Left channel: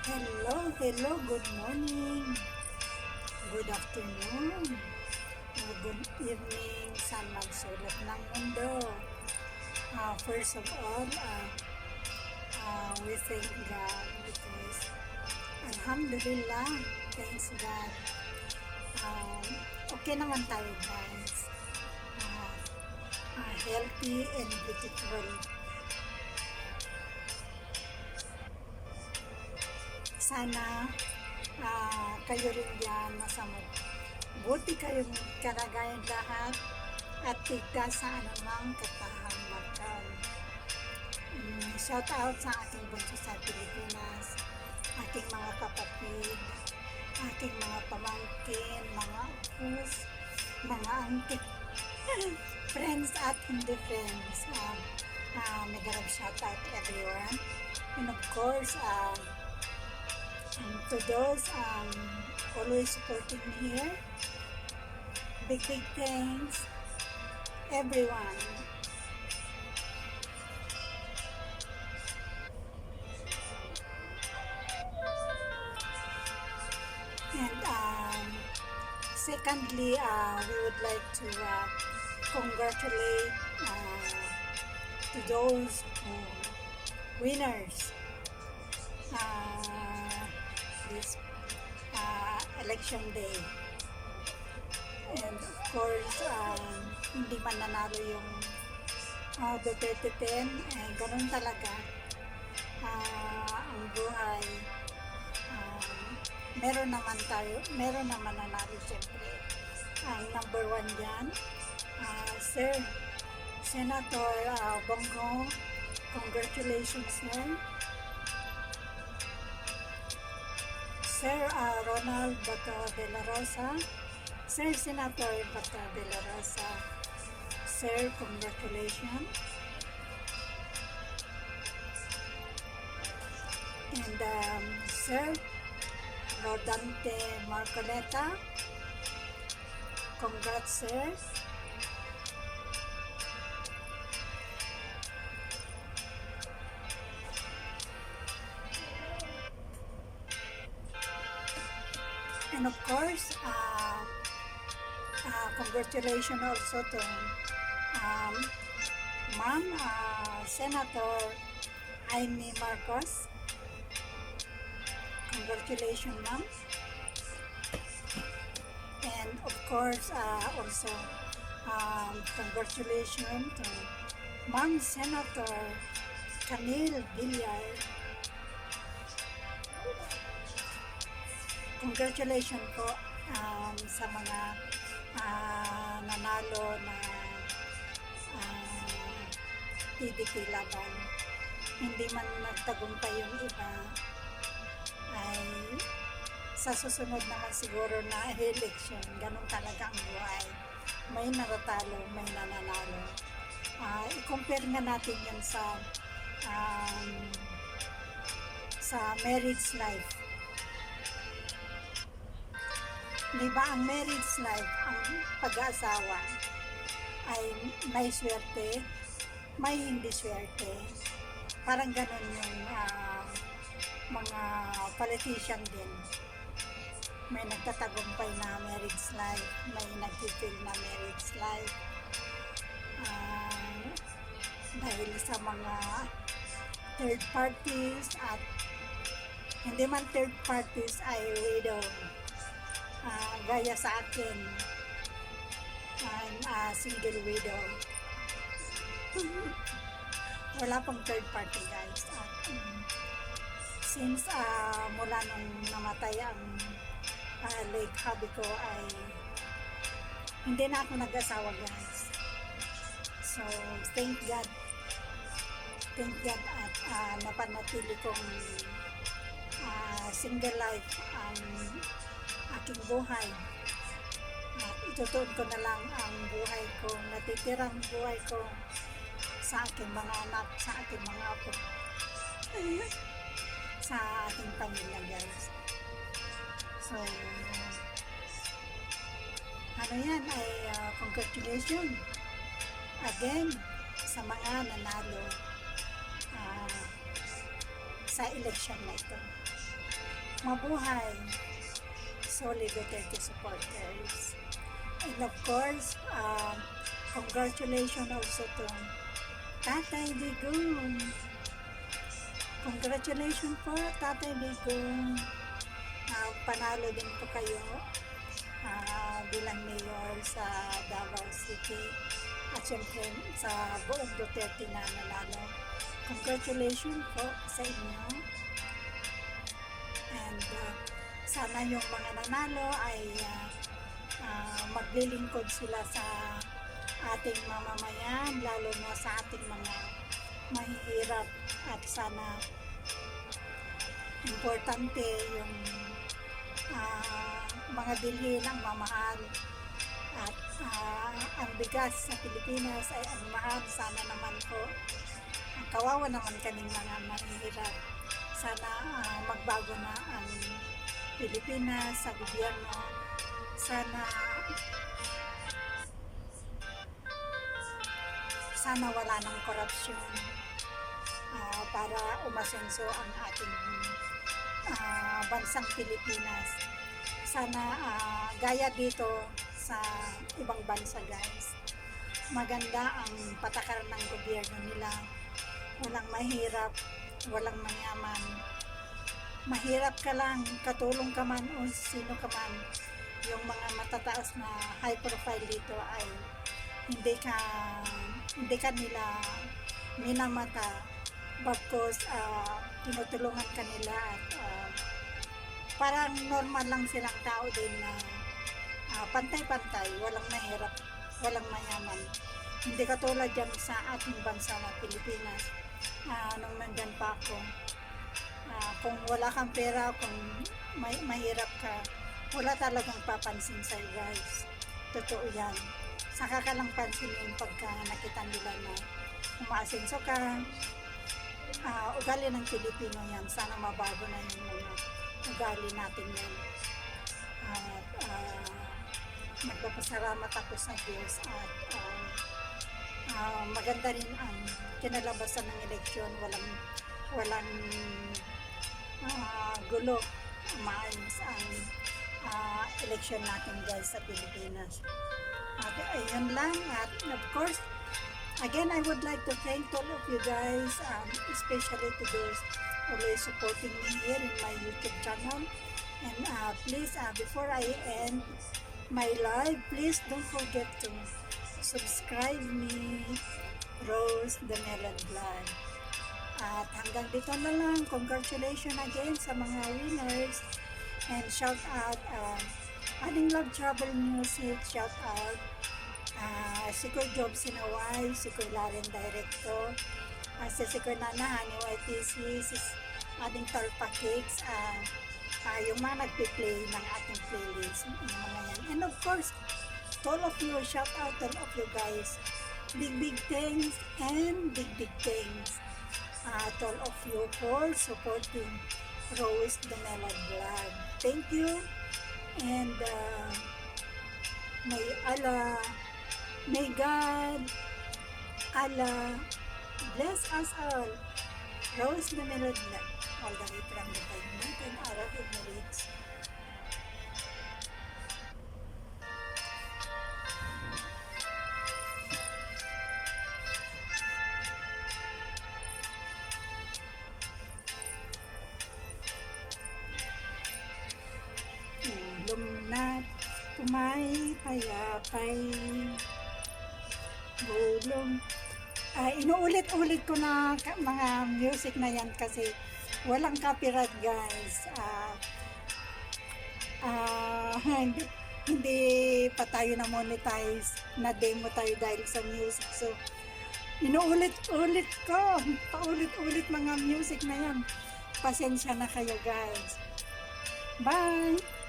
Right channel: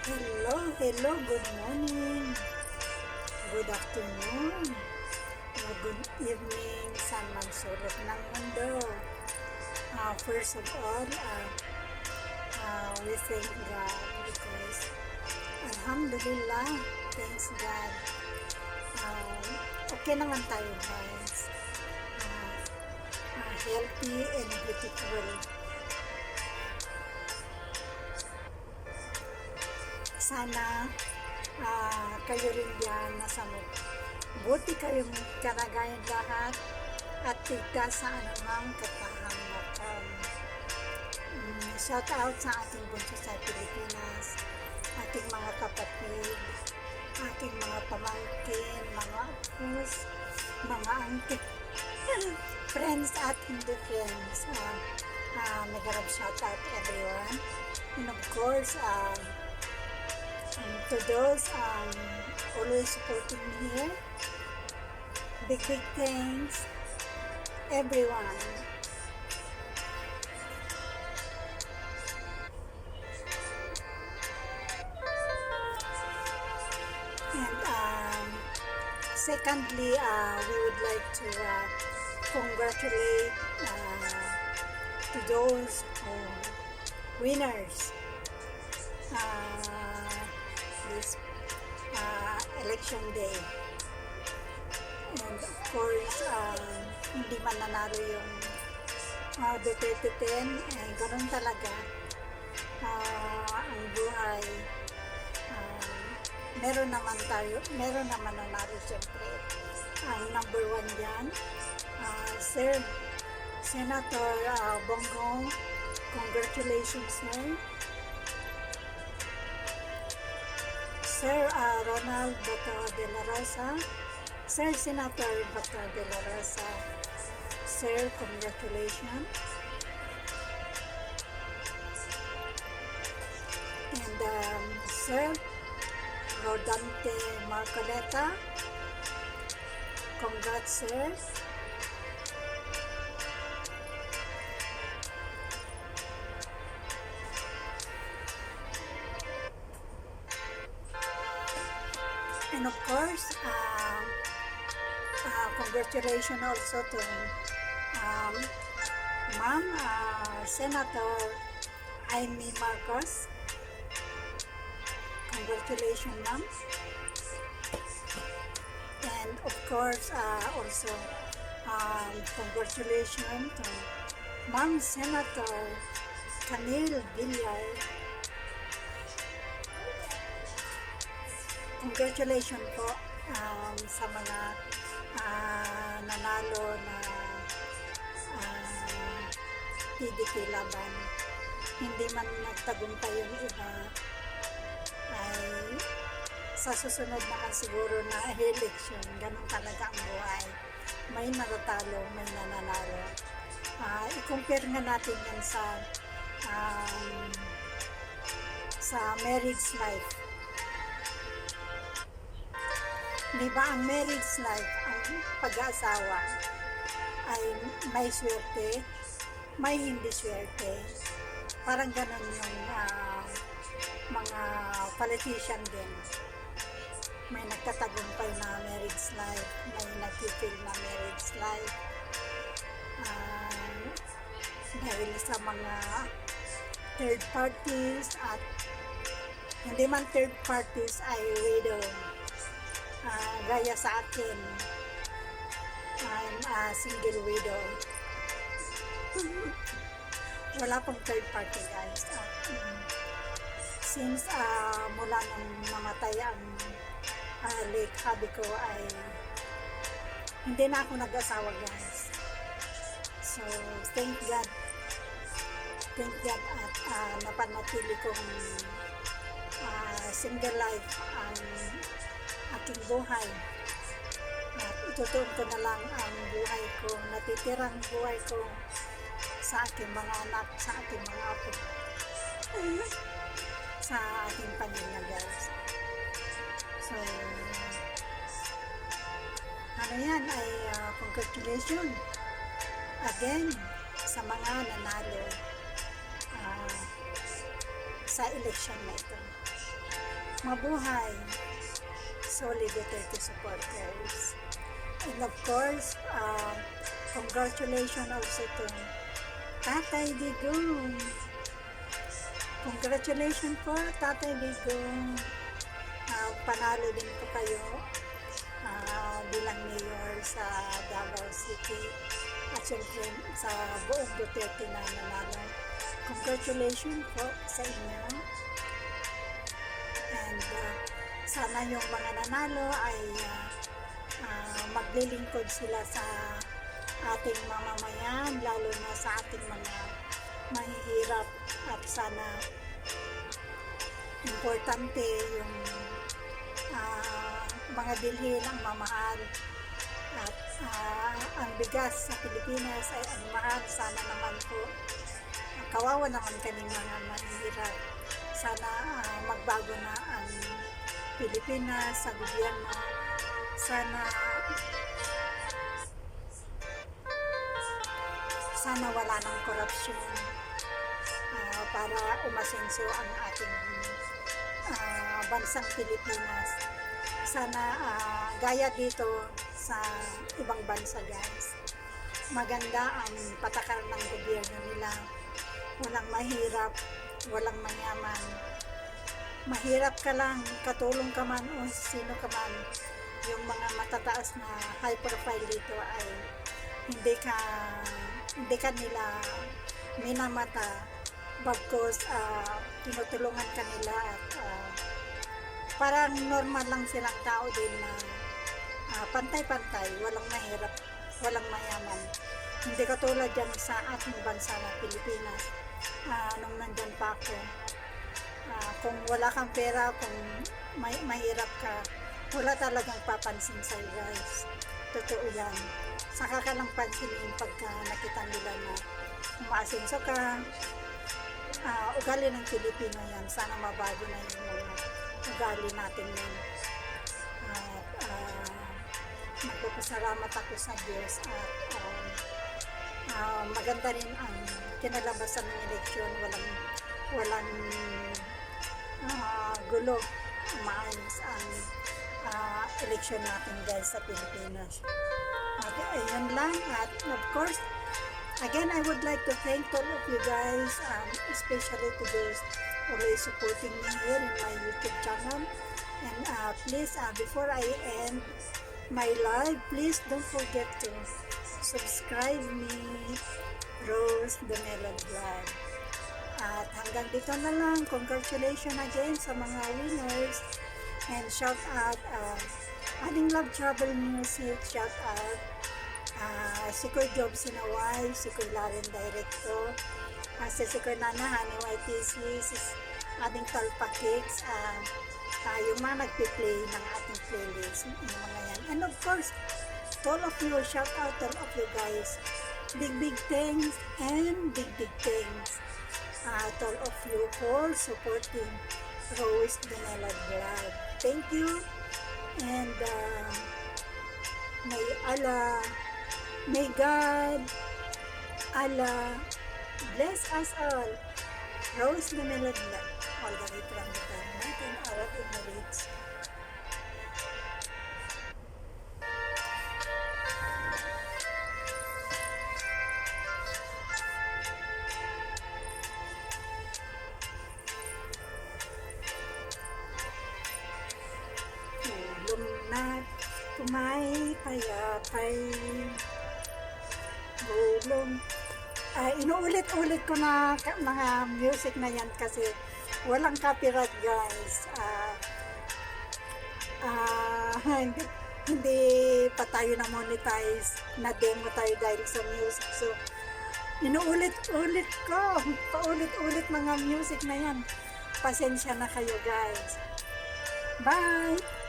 Hello, good morning, good afternoon, o good evening sa magsulok ng mundo. First of all, we thank God because Alhamdulillah, thanks God. Okay naman tayo guys. Healthy and beautiful. Sana kayo rin yan nasa buti kayong kalagayan lahat at tigtas sa anumang kapahamakan. Shout out sa aking bunso sa Pilipinas, aking mga kapatid, aking mga pamangkin, mga apos, mga angkin, friends at hindi friends. Mega shout out everyone. And of course, to those always supporting me here, big thanks everyone. And secondly, we would like to congratulate to those winners this election day. And of course, hindi man nanalo yung Duterte 10, ganun talaga ang buhay. Meron naman nanalo siyempre. Ang number 1 dyan, Sir Senator Bongo, congratulations sir. Sir Ronald Bato de la Rosa, Sir Senator Bato de la Rosa, Sir, congratulations. And Sir Rodante Marcoleta, congrats sir. And of course, congratulations also to Ma'am Senator Amy Marcos. Congratulations, ma'am. And of course, also congratulations to Ma'am Senator Camille Villar. Congratulations po sa mga nanalo na PDP laban. Hindi man nagtagumpay yung iba, ay sa susunod naman siguro na election, ganun talaga ang buhay. May natatalo, may nananalo. I-compare nga natin yan sa marriage life. Di ba ang marriage life, ang pag-aasawa ay may swerte, may hindi swerte. Parang ganun yung mga politician din. May nagtatagumpay na marriage life, may nag-fail na marriage life. Dahil sa mga third parties at hindi man third parties ay widow. Gaya sa akin, I'm a single widow. Wala pong third party guys. Since mula nung namatay ang late hubby ko ay hindi na ako nag-asawa guys. So thank God at napanatili kong single life ang aking buhay. At itutuon ko na lang ang buhay ko, natitirang buhay ko sa aking mga anak, sa aking mga apo, sa aking pamilya guys. So ano yan ay congratulations again sa mga nanalo sa election na ito. Mabuhay, solid Duterte supporters. And of course, congratulations also to Tatay Digong. Congratulations po, Tatay Digong. Panalo din po kayo bilang mayor sa Davao City. At syempre sa buong Duterte na nanalo. Congratulations po sa inyo. And sana yung mga nanalo ay maglilingkod sila sa ating mamamayan, lalo na sa ating mga mahihirap, at sana importante yung mga bilhin ang mamahal, at ang bigas sa Pilipinas ay ang mahal. Sana naman po, kawawa naman kaming mga mahihirap, sana magbago na ang Pilipinas sa gobyerno. Sana wala ng korupsyon, para umasenso ang ating bansang Pilipinas. Sana gaya dito sa ibang bansa, guys, maganda ang patakaran ng gobyerno nila. Walang mahirap, walang mayaman. Mahirap ka lang, katulong ka man o sino ka man, yung mga matataas na high profile dito ay hindi ka nila minamata, bagkos tinutulungan ka nila, at parang normal lang silang tao din na pantay-pantay, walang mahirap, walang mayaman. Hindi katulad yan sa ating bansa na Pilipinas. Nung nandyan pa ako, kung wala kang pera, kung mahirap ka, wala talagang papansin sa'yo, guys. Totoo yan. Saka ka lang pansinin pagka nakita nila na umaasenso ka. Ugali ng Pilipino yan. Sana mabago na yung mga ugali natin yan. At nagpapasalamat ako sa Diyos, at maganda rin ang kinalabasan ng eleksyon. Walang gulo. Maayos ang eleksyon natin, guys, sa Pilipinas. At ayun lang. At of course, again, I would like to thank all of you guys, especially to those always supporting me here in my YouTube channel. And please, before I end my live, please don't forget to subscribe me, Rose the Melon Vlog. At hanggang dito na lang. Congratulations again sa mga winners. And shout out Adding Love Travel Music, shout out si Kuy Job Sinaway, si Kuy Laren Director, si Kuy Nana Honey YTC, si Adding Talpa Cakes, yung mga nagpi-play ng ating playlist, yung mga yan. And of course, to all of you, shout out to all of you guys. Big thanks and big thanks to all of you for supporting Rose the Melon Vlog. Thank you. And may God, Allah bless us all. Rose the Melon Vlog, all the way from the United Arab Emirates. Tulong na't payapay, bulong. Inuulit-ulit ko na mga music na yan kasi walang copyright, guys. Hindi pa tayo na monetize, na demo tayo dahil sa music. So inuulit-ulit ko, paulit-ulit mga music na yan. Pasensya na kayo, guys. Bye!